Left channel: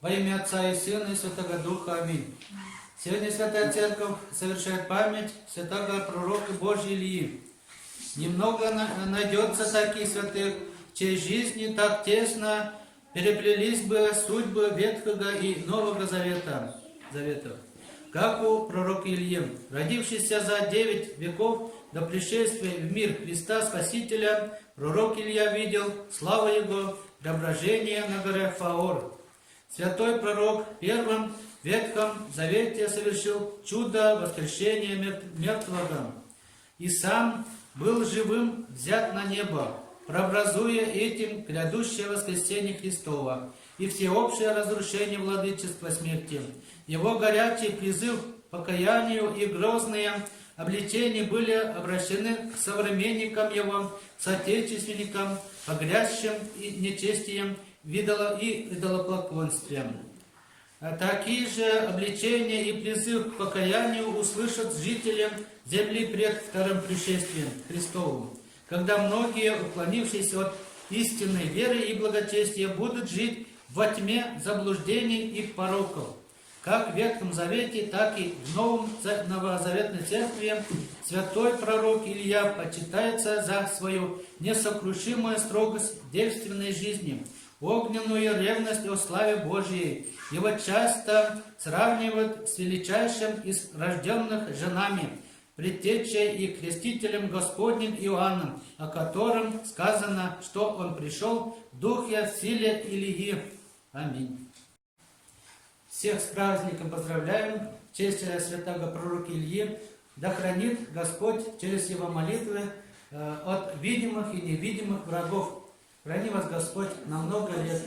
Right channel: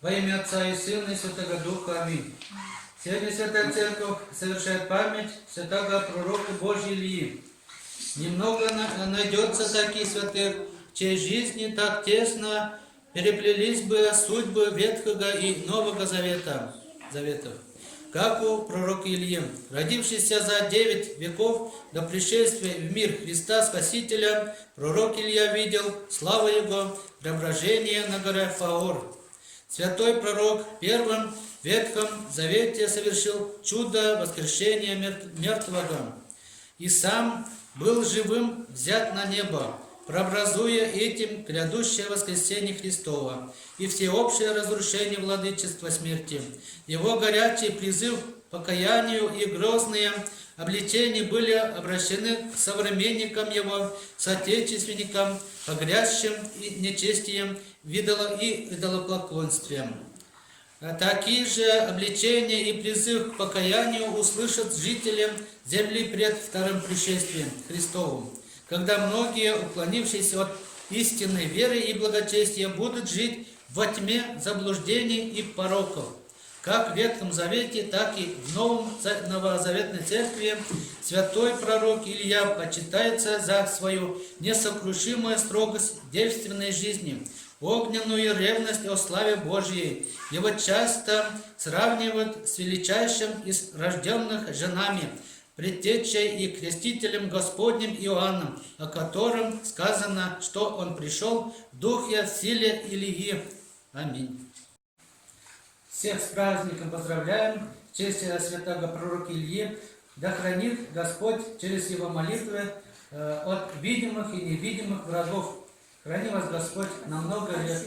Во имя Отца и Сына и Святого Духа. Аминь. Сегодня Святая Церковь совершает память святого пророка Божьего Ильи. Немного найдется таких святых, в чьей жизни так тесно переплелись бы судьбы Ветхого и Нового Заветов, как у пророка Ильи, родившийся за 9 веков до пришествия в мир Христа Спасителя. Пророк Илья видел славу Его, преображение на горе Фаор. Святой пророк в Первом Ветхом Завете совершил чудо воскрешения мертвого и сам был живым взят на небо, прообразуя этим грядущее воскресение Христова и всеобщее разрушение владычества смерти. Его горячий призыв к покаянию и грозные обличения были обращены к современникам его, соотечественникам, погрязшим и нечестием и идолопоклонствием. Такие же обличения и призыв к покаянию услышат жители земли пред вторым пришествием Христовым, когда многие, уклонившиеся от истинной веры и благочестия, будут жить во тьме заблуждений и пороков. Как в Ветхом Завете, так и в Новозаветной Церкви святой пророк Илья почитается за свою несокрушимую строгость девственной жизни, огненную ревность о славе Божьей. Его часто сравнивают с величайшим из рожденных женами, предтечей и крестителем Господним Иоанном, о котором сказано, что он пришел в духе, в силе Илии. Аминь. Всех с праздником поздравляем в честь святого пророка Ильи. Да хранит Господь через его молитвы от видимых и невидимых врагов. Храни вас Господь на много лет.